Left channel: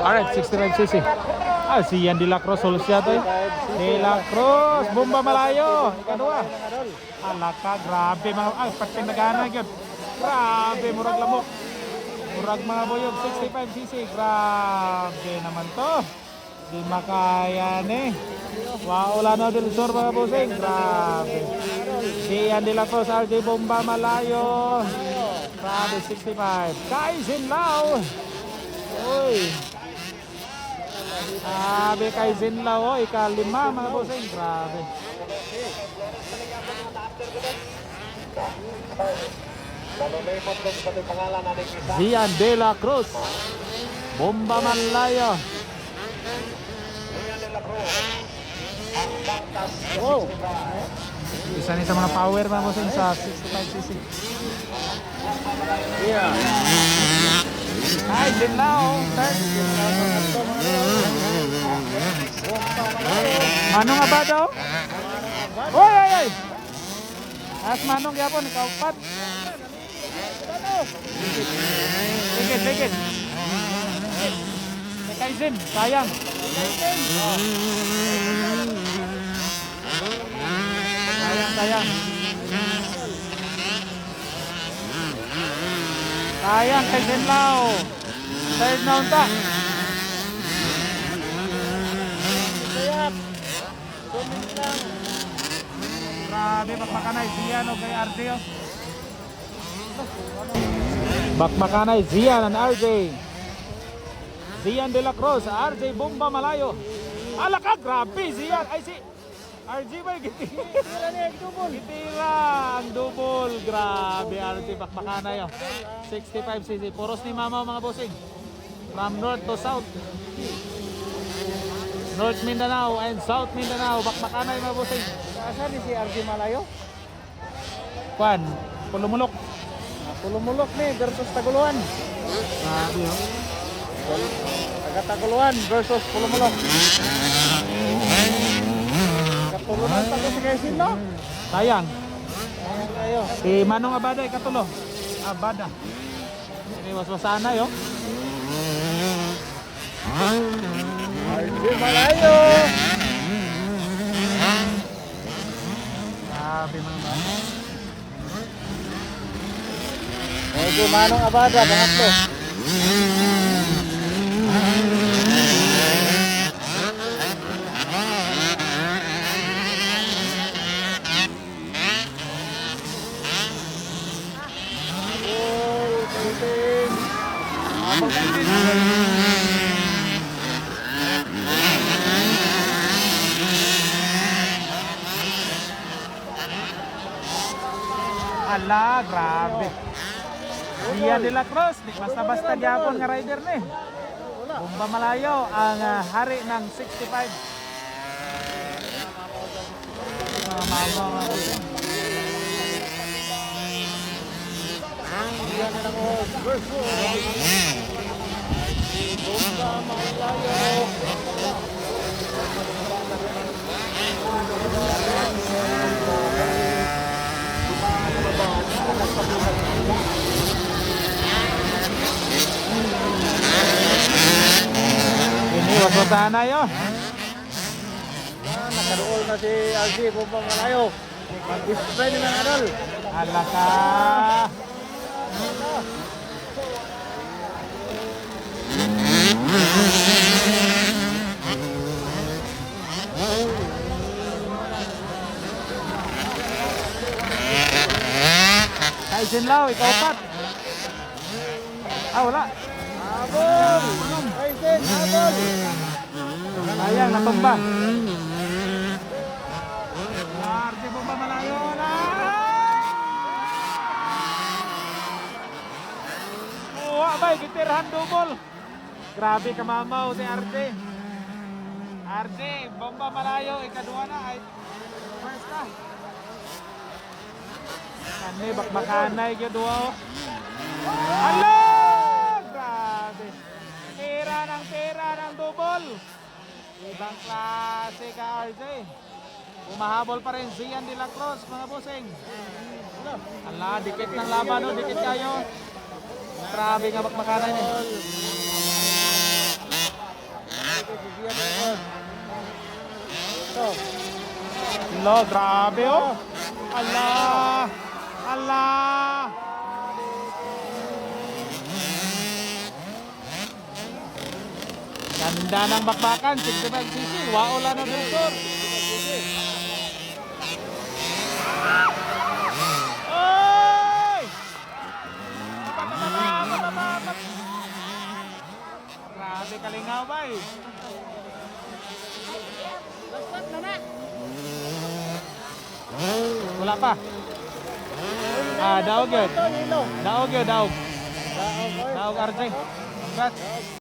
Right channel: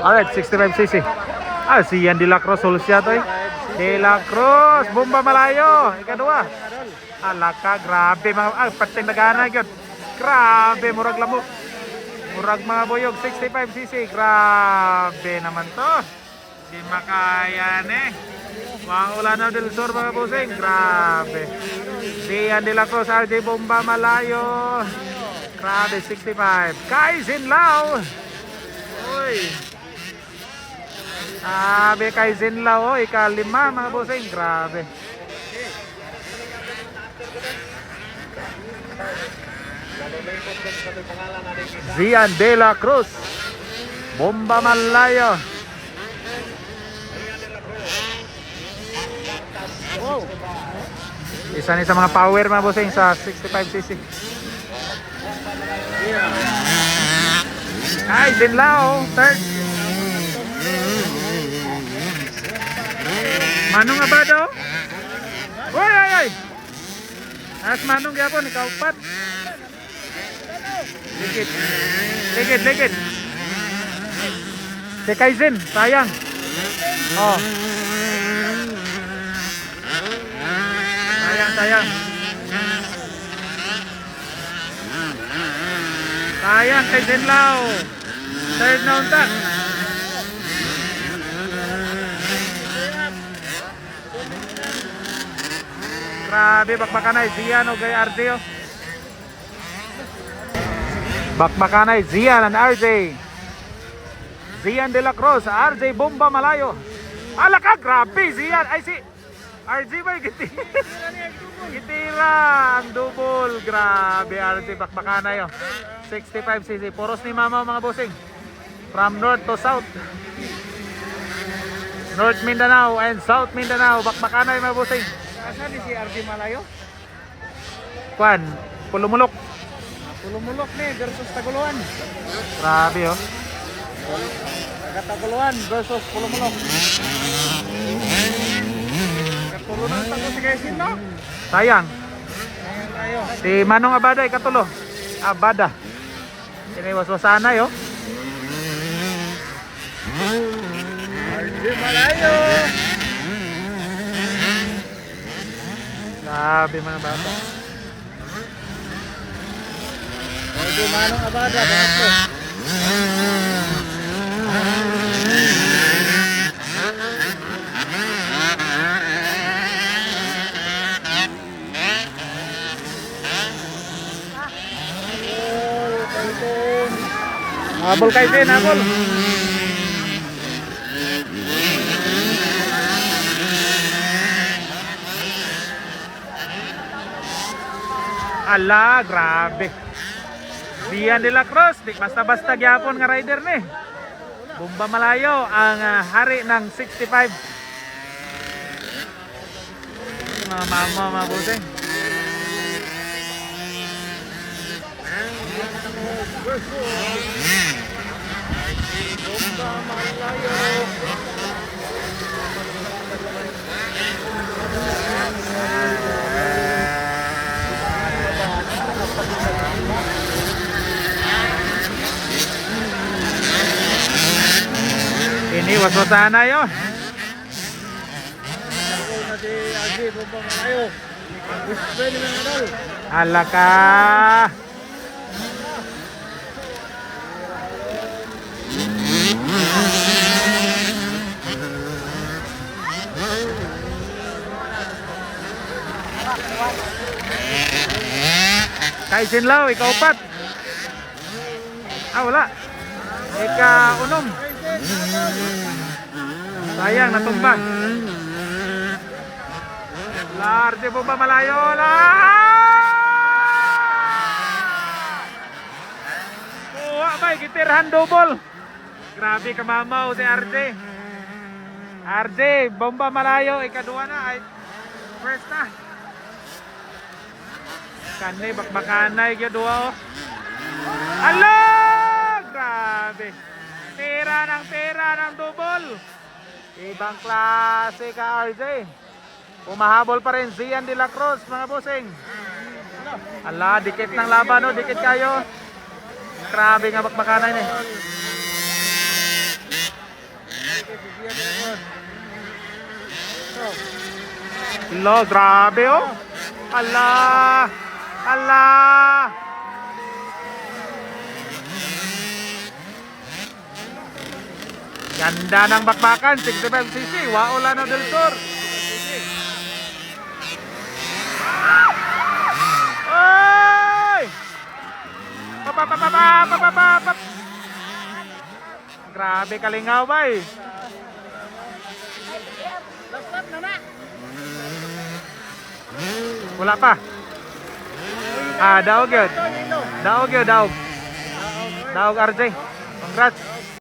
Alright, 65cc. Si Ian De La Cruz Solsya to eh. De La Cruz, Bomba Malayo. Ikadua. Alaka, grabe mga pating nagana gyud. Grabe murag lamok. Murag mga boyog 65cc. Grabe naman to. Di makayan eh. Waulano del Sur mga busing. Grabe. Ian De La Cruz, RJ Bomba Malayo. Grabe 65. Kaisin Lao. Uy. Kay Zinlaw, ikalima mga bossing, grabe. Zian De La Cruz, Bomba Malayo. Isa ni sa mga power mga bossing sa 65cc. Ay, Zinlaw, third. Manong Abado. Oy, oy, oy. As Manong gyapon ikaw pat. Ligit. Ligit, ligit. Si Kaizen, sayang. Oh. Sayang, sayang. Sayang Kaizen Lao. Third na unta. Grabe, bakbakanay, Zian o kay RJ o. Bakbakanay, Zian and RJ. Zian De La Cruz, RJ Bomba Malayo. Alaka, grabe, Zian. Ay si RJ ba, gitila ang double. Grabe, RJ, bakbakanay o. 65cc, puros ni mama mga bossing. From north to south. North Mindanao and South Mindanao, bakbakanay mga bossing. Asan ni si RJ Malayo? Kwan, Pulumulok. Pulumulok ni versus Taguluan. Grabe oh. Taga Taguluan versus Pulumulok. Katulunan tayo si Kaisin no? Sayang. Ayan tayo. Si Manong Abada ikatulo. Abada. Siniwas-wasanay oh. RJ Malayo. Grabe mga bata. Medyo Manong Abada, pangatlo. Habol Kaizen, habol. Ala, grabe. Zian De La Cruz, di basta-basta gyapon nga rider ni. Bomba Malayo ang hari ng 65. Mga mama, mga busing. Bomba Malayo. Ini waswasana yun. Nakaroon na si RJ Bomba Malayo. Mag-display ni mga adol. Alaka. Kaisin Lao, ikaw pat. Wala. Ika-unom. Sayang, natumba. RJ Bomba Malayo. Bay, gitirhan double. Grabe kamamaw si RJ. RJ Bomba Malayo, ikadua na. Ay, first na. Kanay bakbakanay gyud oh. Alo! Grabe. Tira ng double. Ibang klase ka RJ. Umahabol pa rin Zian De La Cruz mga bossing. Ala, dikit ng laban oh, dikit kayo. Grabe nga bakbakanay ni. Lo, grabe oh. Ala. Ala. Ganda ng bakbakan, 65cc, Waolano del Sur. Oy! Papapapapapapapap. Grabe kalingaw ba eh. Last lap na na. Wala pa. Daog yun. Ito, yelo. Daog yun, daog. Daog, oy. Daog RJ. Congrats.